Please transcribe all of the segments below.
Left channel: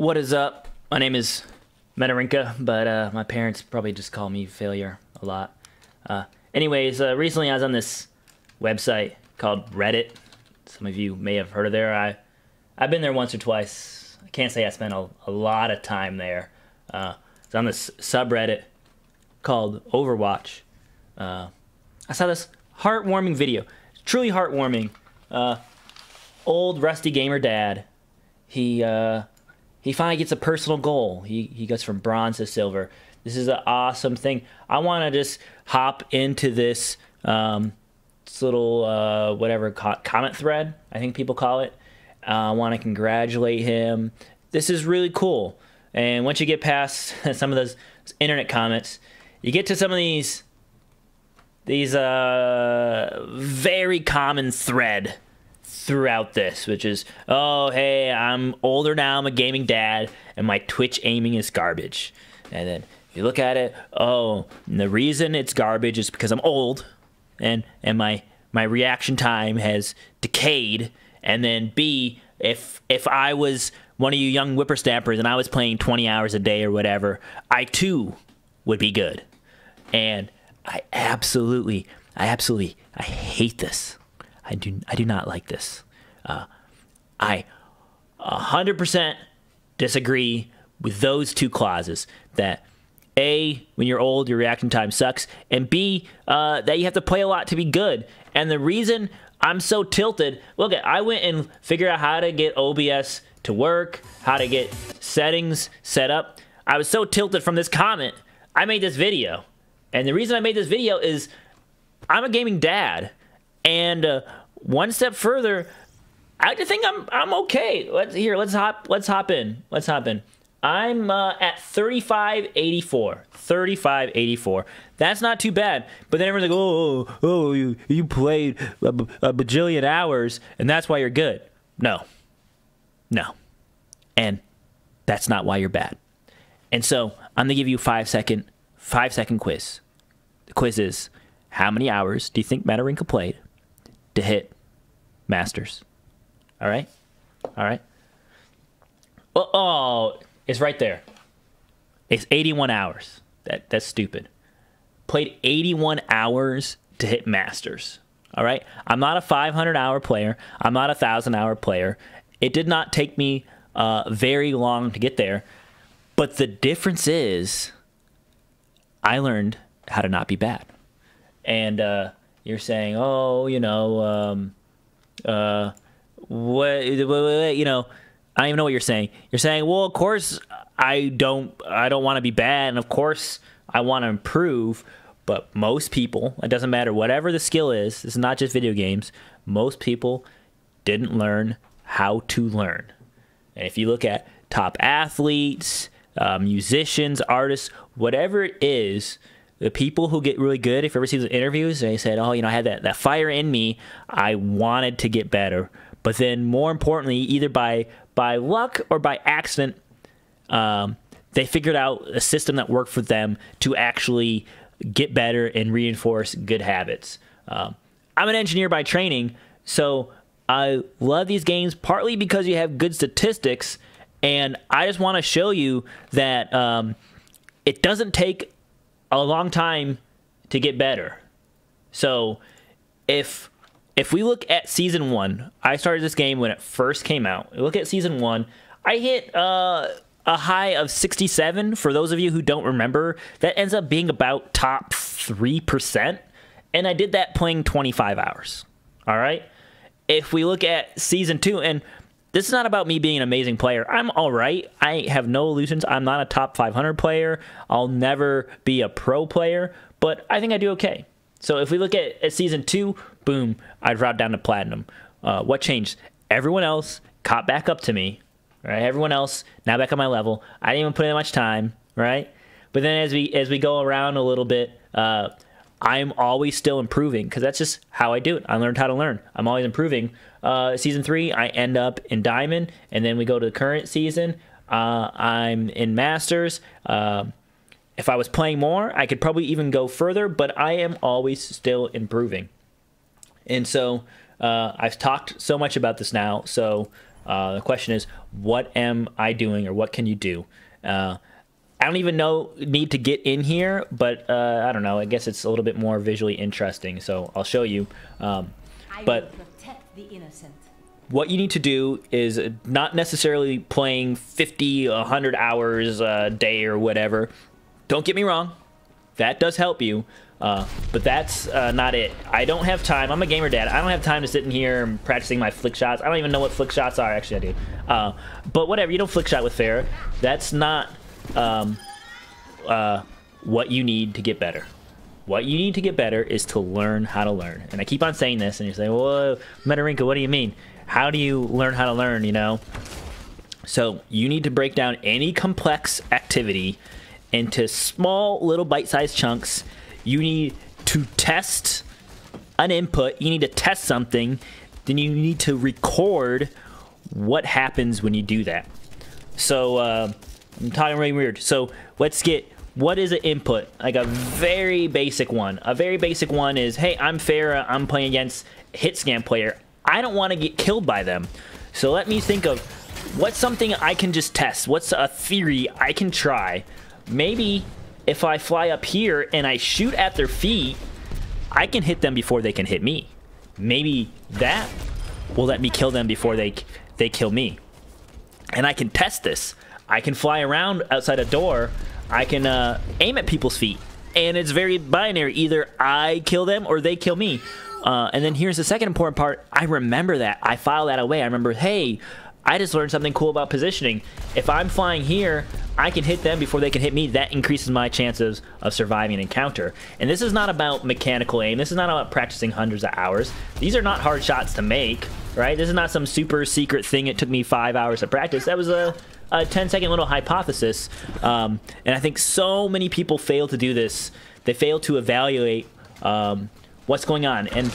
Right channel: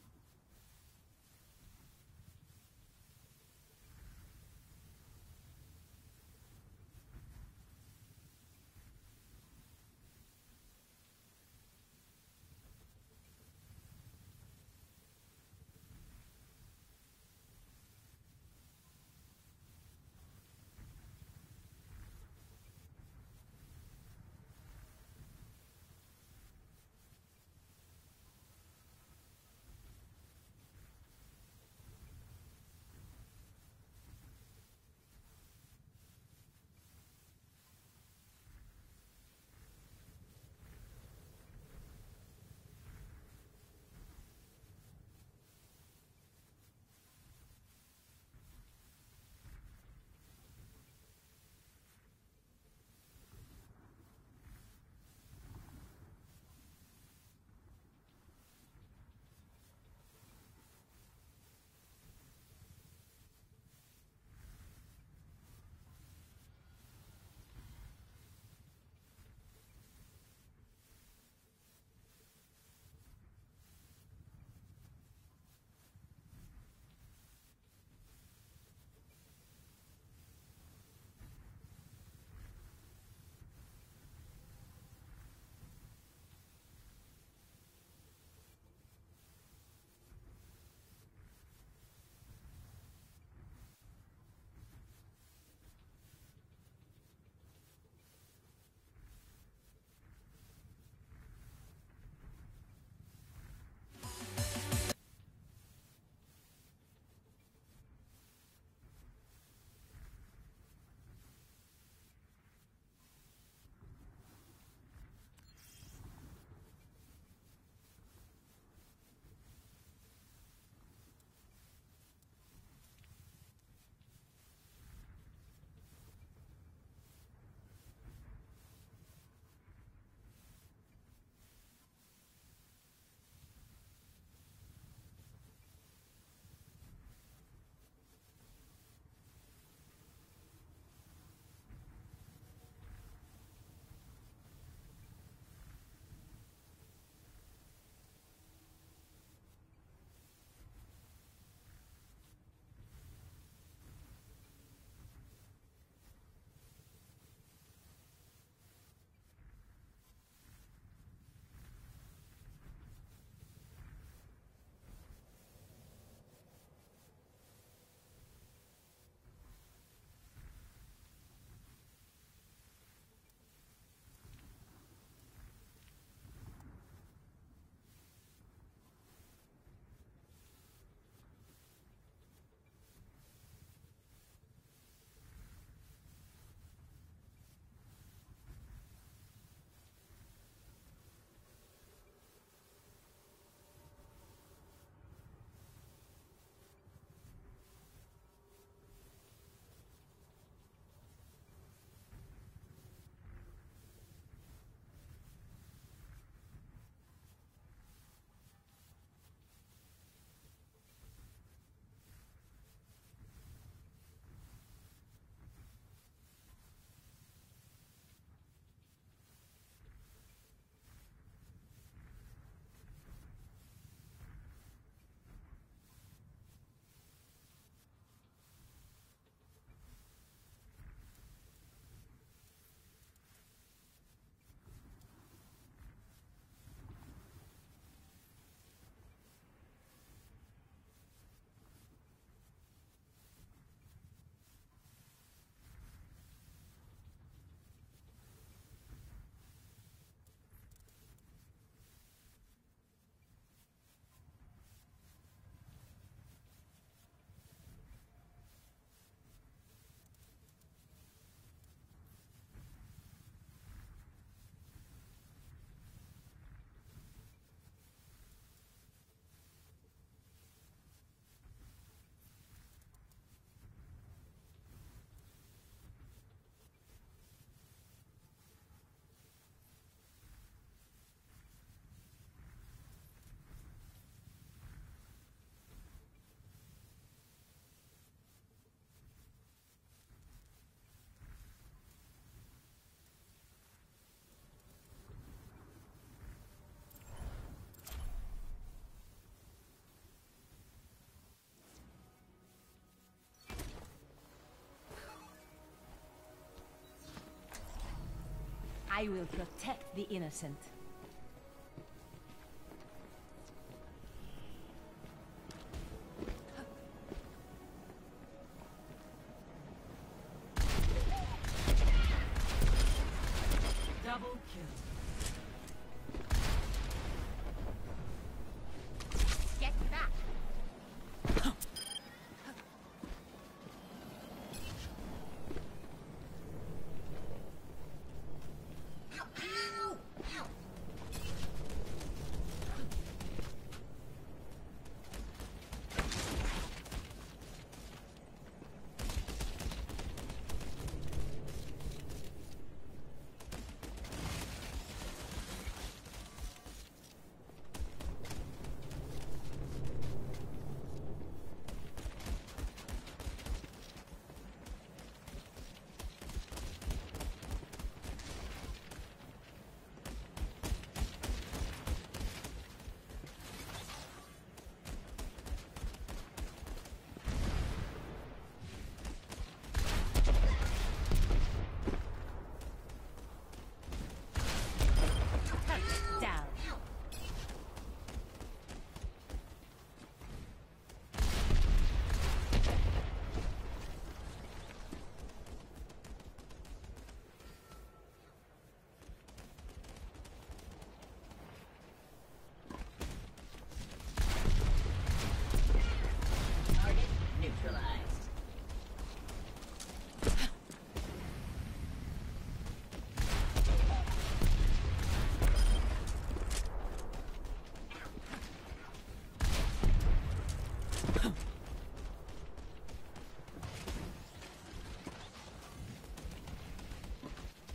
What is up? My name is Menarinka, but my parents probably just call me Failure a lot. Anyways, recently I was on this website called Reddit. Some of you may have heard of there. I've been there once or twice. I can't say I spent a lot of time there. It's on this subreddit called Overwatch. I saw this heartwarming video. Truly heartwarming. Old rusty gamer dad. He finally gets a personal goal. He goes from bronze to silver. This is an awesome thing. I want to just hop into this little whatever comment thread, I think people call it. I want to congratulate him. This is really cool. And once you get past some of those internet comments, you get to some of these very common thread throughout this, which is, oh, hey, I'm older now, I'm a gaming dad, and my Twitch aiming is garbage. And then if you look at it, oh, the reason it's garbage is because I'm old, and my reaction time has decayed. And then B, if I was one of you young whippersnappers and I was playing 20 hours a day or whatever, I too would be good. And I absolutely hate this. I do not like this. I 100% disagree with those two clauses. That A, when you're old, your reaction time sucks, and B, that you have to play a lot to be good. And the reason I'm so tilted, look, I went and figured out how to get OBS to work, how to get settings set up. I was so tilted from this comment, I made this video. And the reason I made this video is I'm a gaming dad, and one step further, I think I'm okay. Let's hop in. I'm at 3584. That's not too bad. But then everyone's like, oh, you played a bajillion hours, and that's why you're good. No, and that's not why you're bad. And so I'm gonna give you a 5-second quiz. The quiz is, how many hours do you think Menarinka played to hit Masters? All right. Oh, it's right there. It's 81 hours. That's stupid. Played 81 hours to hit Masters. All right. I'm not a 500-hour player. I'm not a 1,000-hour player. It did not take me very long to get there. But the difference is, I learned how to not be bad. And you're saying, oh, you know, what, you know, I don't even know what you're saying. You're saying, well, of course I don't want to be bad, and of course I want to improve. But most people, it doesn't matter whatever the skill is. It's not just video games. Most people didn't learn how to learn. And if you look at top athletes, musicians, artists, whatever it is, the people who get really good, if you ever see the interviews, they said, oh, you know, I had that fire in me. I wanted to get better. But then more importantly, either by luck or by accident, they figured out a system that worked for them to actually get better and reinforce good habits. I'm an engineer by training, so I love these games partly because you have good statistics, and I just want to show you that it doesn't take a long time to get better. So if we look at Season 1, I started this game when it first came out. Look at Season 1. I hit a high of 67. For those of you who don't remember, that ends up being about top 3%. And I did that playing 25 hours. All right? If we look at Season 2, and this is not about me being an amazing player. I'm all right. I have no illusions. I'm not a top 500 player. I'll never be a pro player. But I think I do okay. So if we look at Season 2, boom, I dropped down to Platinum. What changed? Everyone else caught back up to me, right? Everyone else now back on my level. I didn't even put in much time, right? But then as we go around a little bit, I'm always still improving because that's just how I do it. I learned how to learn. I'm always improving. Season 3, I end up in Diamond, and then we go to the current season. I'm in Masters. If I was playing more, I could probably even go further, but I am always still improving. And so I've talked so much about this now. So the question is, what am I doing, or what can you do? I don't even need to get in here, but I don't know. I guess it's a little bit more visually interesting, so I'll show you. I will protect the innocent. What you need to do is not necessarily playing 50, 100 hours a day or whatever. Don't get me wrong. That does help you, but that's not it. I don't have time. I'm a gamer dad. I don't have time to sit in here and practicing my flick shots. I don't even know what flick shots are. Actually, I do. But whatever. You don't flick shot with Pharah. That's not what you need to get better. What you need to get better is to learn how to learn. And I keep on saying this, and you say, "Whoa, Metarinka, what do you mean? How do you learn how to learn?" You know. So you need to break down any complex activity into small little bite-sized chunks. You need to test an input. You need to test something. Then you need to record what happens when you do that. So I'm talking really weird. So let's get, what is an input? Like a very basic one. A very basic one is, hey, I'm Pharah. I'm playing against a hit scan player. I don't want to get killed by them. So let me think of what's something I can just test. What's a theory I can try? Maybe if I fly up here and I shoot at their feet, I can hit them before they can hit me. Maybe that will let me kill them before they kill me. And I can test this. I can fly around outside a door. I can aim at people's feet. And it's very binary. Either I kill them or they kill me. And then here's the second important part. I remember that. I file that away. I remember, hey, I just learned something cool about positioning. If I'm flying here, I can hit them before they can hit me. That increases my chances of surviving an encounter. And this is not about mechanical aim. This is not about practicing hundreds of hours. These are not hard shots to make, right? This is not some super secret thing. It took me 5 hours to practice. That was a 10-second little hypothesis. And I think so many people fail to do this. They fail to evaluate what's going on. And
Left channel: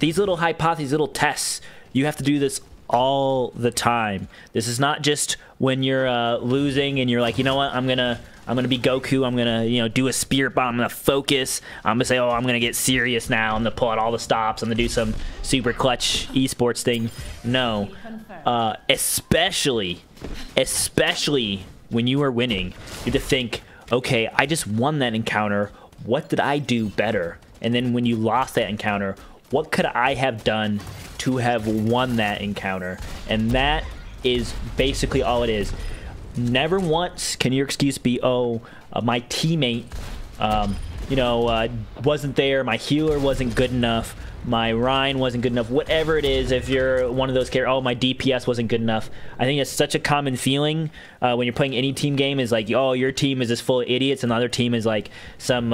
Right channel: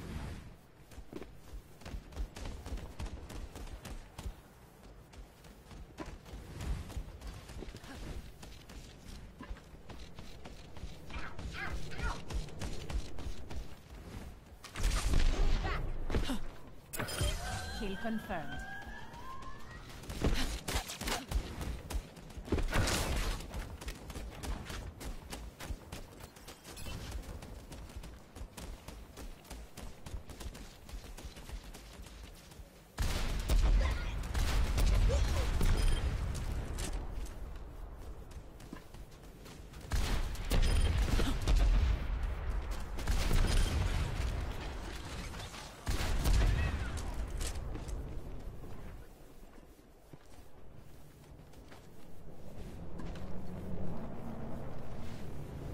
these little hypotheses, little tests, you have to do this all the time. This is not just when you're losing and you're like, you know what, I'm gonna be Goku, I'm gonna, you know, do a spirit bomb, I'm gonna focus, I'm gonna say, oh, I'm gonna get serious now, I'm gonna pull out all the stops, I'm gonna do some super clutch esports thing. No, especially when you are winning, you have to think, okay, I just won that encounter, what did I do better? And then when you lost that encounter, what could I have done to have won that encounter? And that is basically all it is. Never once can your excuse be, oh, my teammate, you know, wasn't there, my healer wasn't good enough, my Rhine wasn't good enough, whatever it is. If you're one of those characters, oh, my DPS wasn't good enough. I think it's such a common feeling when you're playing any team game, is like, oh, your team is just full of idiots and the other team is like some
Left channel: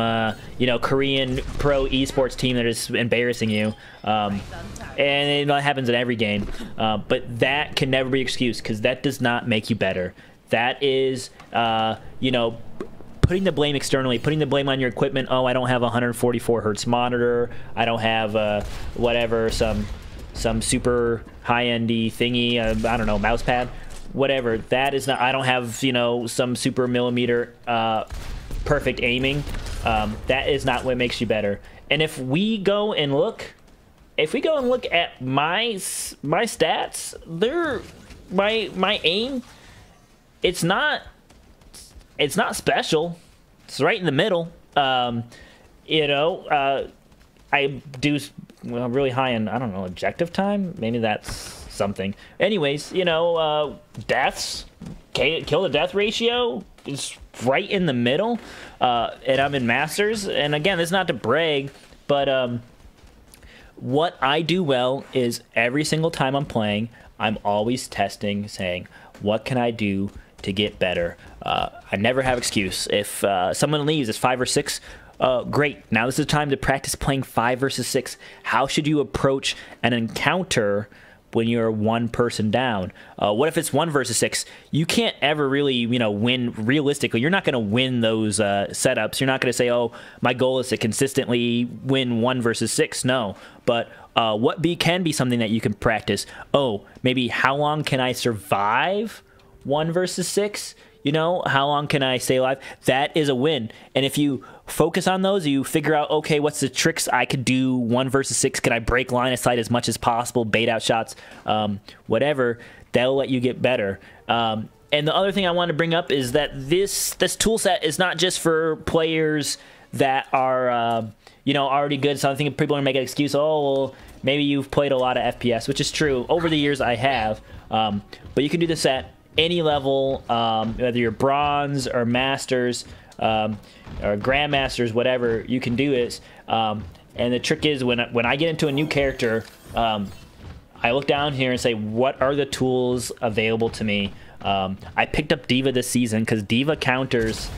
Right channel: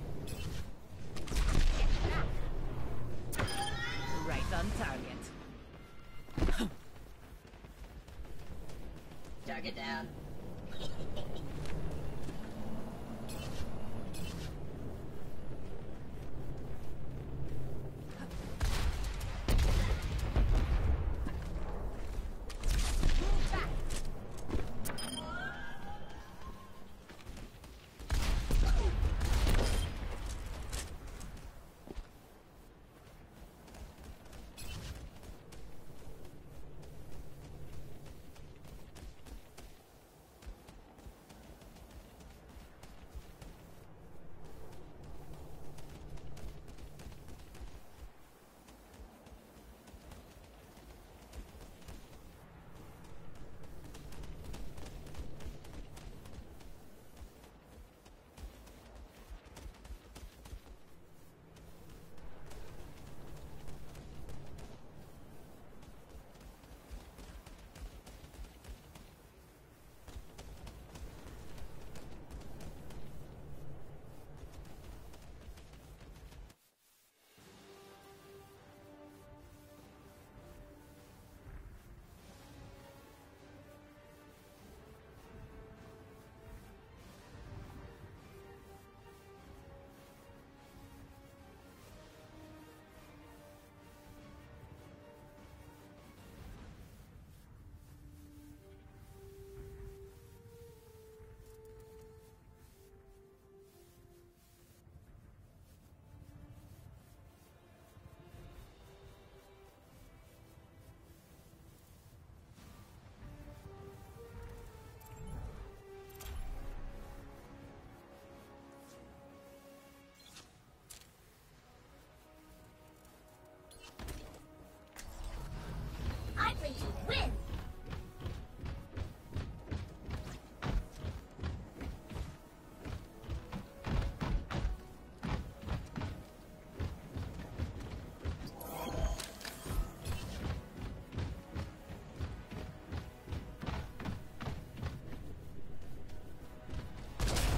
you know, Korean pro esports team that is embarrassing you. And it happens in every game. But that can never be an excuse, because that does not make you better. That is, you know, putting the blame externally, putting the blame on your equipment. Oh, I don't have a 144 hertz monitor. I don't have whatever, some super high-endy thingy. I don't know, mouse pad, whatever. That is not. I don't have, you know, some super millimeter perfect aiming. That is not what makes you better. And if we go and look, at my stats, my aim, it's not special. It's right in the middle. You know, I do really high in, I don't know, objective time. Maybe that's something. Anyways, you know, deaths, kill to death ratio is right in the middle. And I'm in Masters. And again, it's not to brag, but what I do well is every single time I'm playing, I'm always testing, saying, what can I do to get better? I never have excuse. If someone leaves, it's 5 or 6, great. Now this is the time to practice playing 5 versus 6. How should you approach an encounter when you're one person down? What if it's 1 versus 6? You can't ever really, you know, win realistically. You're not going to win those setups. You're not going to say, oh, my goal is to consistently win 1 versus 6. No, but what can be something that you can practice? Oh, maybe how long can I survive 1 versus 6? You know, how long can I stay alive? That is a win. And if you focus on those, you figure out, okay, what's the tricks I could do 1 versus 6? Can I break line of sight as much as possible, bait out shots, whatever? that'll let you get better. And the other thing I want to bring up is that this tool set is not just for players that are you know, already good. So I think people are gonna make an excuse. Oh, well, maybe you've played a lot of FPS, which is true. Over the years, I have. But you can do this at any level, whether you're bronze or masters or grandmasters, whatever. You can do this. And the trick is when I get into a new character, I look down here and say, what are the tools available to me? I picked up Diva this season because Diva counters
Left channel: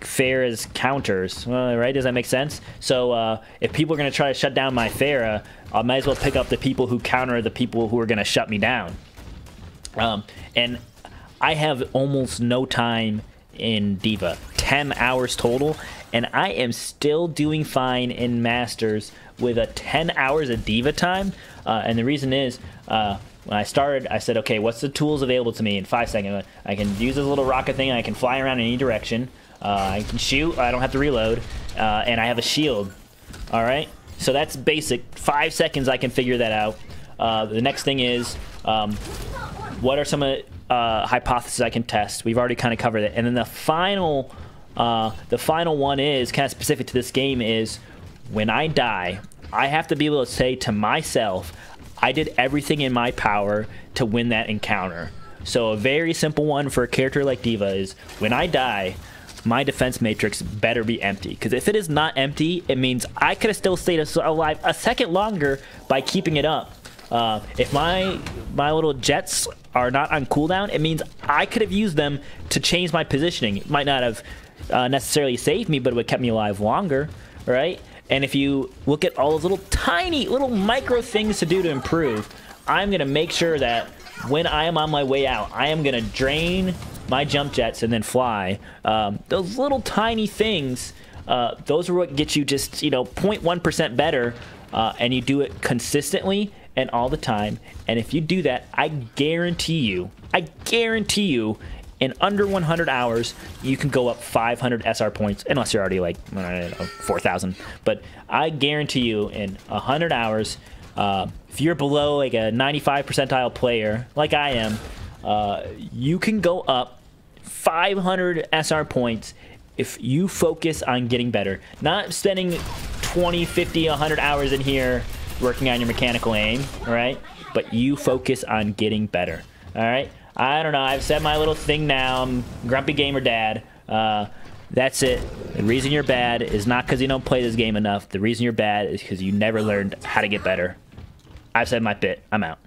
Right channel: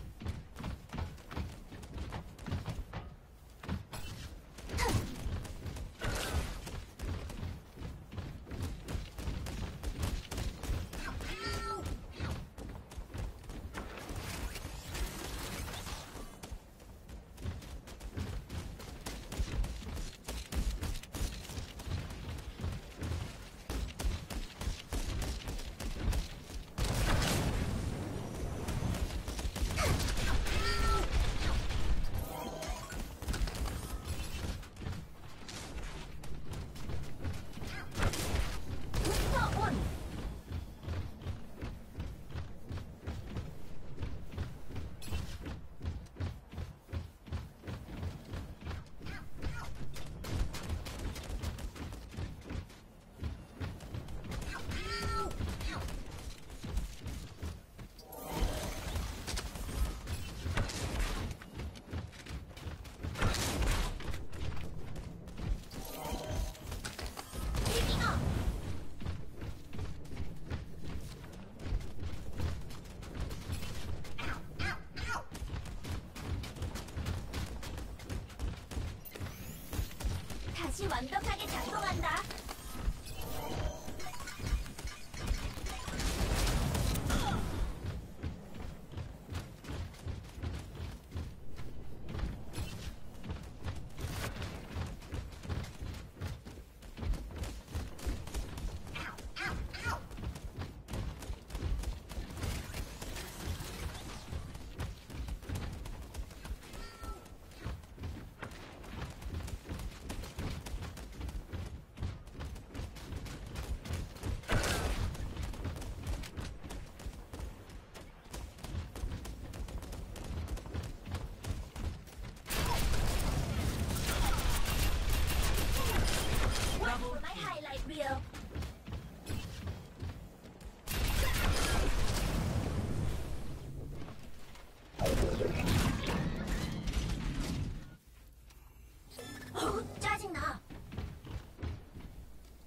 Pharah's counters, right? Does that make sense? So if people are going to try to shut down my Pharah, I might as well pick up the people who counter the people who are going to shut me down. And I have almost no time in Diva, 10 hours total, and I am still doing fine in Masters with a 10 hours of Diva time. And the reason is, when I started, I said, okay, what's the tools available to me in 5 seconds? I can use this little rocket thing, I can fly around in any direction, I can shoot, I don't have to reload, and I have a shield. All right, so that's basic. 5 seconds, I can figure that out. The next thing is, what are some hypotheses I can test? We've already kind of covered it. And then the final one is kind of specific to this game is, when I die, I have to be able to say to myself, I did everything in my power to win that encounter. So a very simple one for a character like Diva is, when I die, my defense matrix better be empty. Because if it is not empty, it means I could have still stayed alive a second longer by keeping it up. If my little jets are not on cooldown, it means I could have used them to change my positioning. It might not have necessarily saved me, but it would have kept me alive longer, right? And if you look at all those little tiny, little micro things to do to improve, I'm going to make sure that when I am on my way out, I am going to drain my jump jets and then fly. Those little tiny things, those are what get you just, you know, 0.1% better, and you do it consistently and all the time. And if you do that, I guarantee you, in under 100 hours, you can go up 500 SR points, unless you're already like, I don't know, 4,000. But I guarantee you, in 100 hours, if you're below like a 95 percentile player, like I am, you can go up 500 SR points if you focus on getting better. Not spending 20, 50, 100 hours in here working on your mechanical aim, all right? But you focus on getting better, all right? I don't know. I've said my little thing now. I'm Grumpy Gamer Dad. That's it. The reason you're bad is not because you don't play this game enough. The reason you're bad is because you never learned how to get better. I've said my bit. I'm out.